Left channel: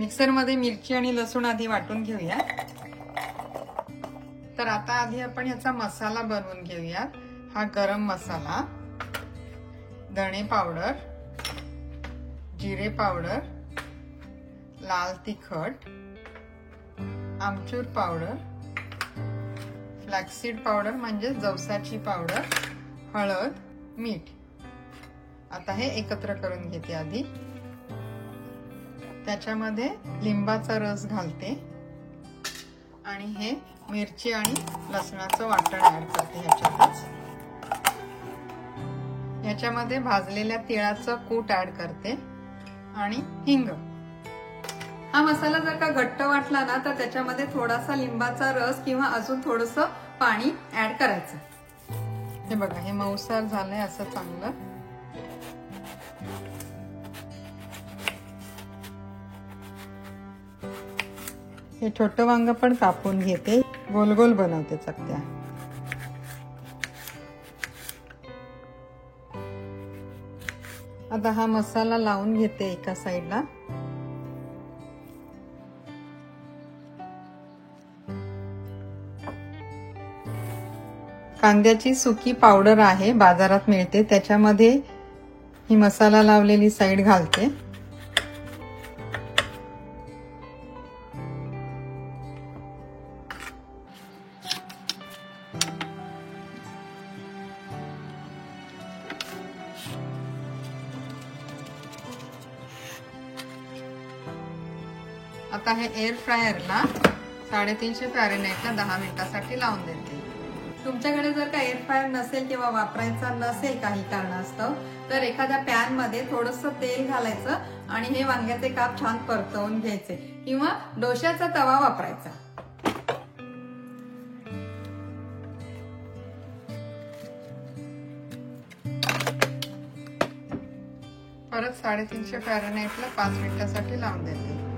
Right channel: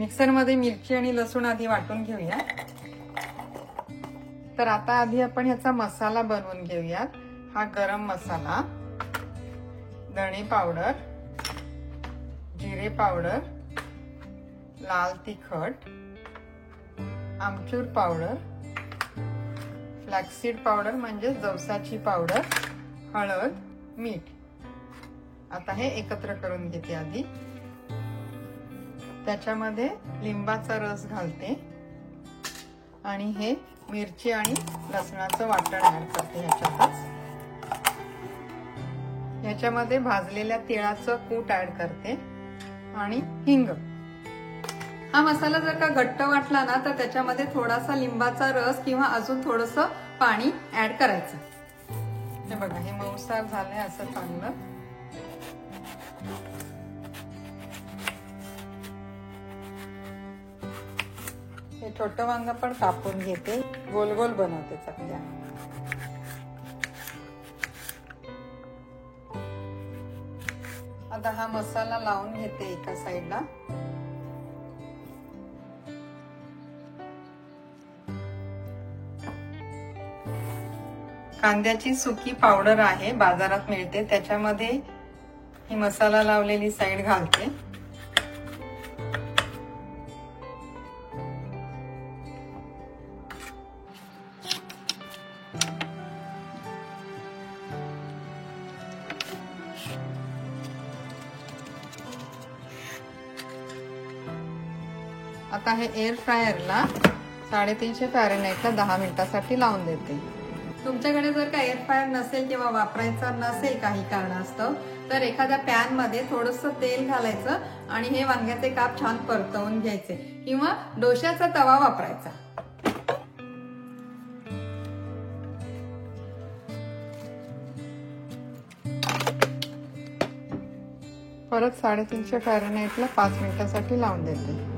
Mixer मध्ये मिरची आणि लसूण आधी वाटून घेऊया। तर आता आधी आपण याचा मसाला बनवून घेऊयात। हा गरम मसाला, धणे पावडर, जिरे पावडर, लाल तिखट, आमचूर पावडर, फ्लॅक्सीड पावडर म्हणजे जवसाची पावडर, हळद, मीठ। आता हे एकत्र करून घेते आधी। त्याच्यामध्ये लिंबाचा रस घालते आणि हे मिरची आणि लसणाचं वाटण ऍड करते ह्याच्यातच। ह्याच्यामध्ये भाजलेल्या तिळाचं कूट ऍड करते आणि हिंग। हा मसाला जर का घट्ट वाटला ना तर त्याच्यामध्ये थोडासा लिंबाचा रस किंवा अजून थोडंसं पाणी ऍड करायचं। हे बघा, हे मऊसार झालंय असं चांगलं। हे छोटं वांग पण कापून घेते, गोल गोल बनवते चकल्या। आता हा मसाला लावून घेते एका साईडला। कांद्याची सुकी पावडर आहे, बाजारात मिळते, त्याच्यामध्ये ही मसाला लावलेली साईड घालते। आता हे एअर फ्रायरला 350 फॅरेनहाइटला 10 मिनिटांसाठी लावून देते। तुमच्याकडे जर का एअर फ्रायर नसेल किंवा वापरायचा नसेल काही कारणास्तव तर एखाद्या पॅन मध्ये थोडंसं तेल घालायचं आणि हे वांग्याचे काप छान परतवून घ्यायचे किंवा डोश्याचा तवा वापरायचा। परत 350 फॅरेनहाइटला 5 मिनिटांसाठी लावून देते।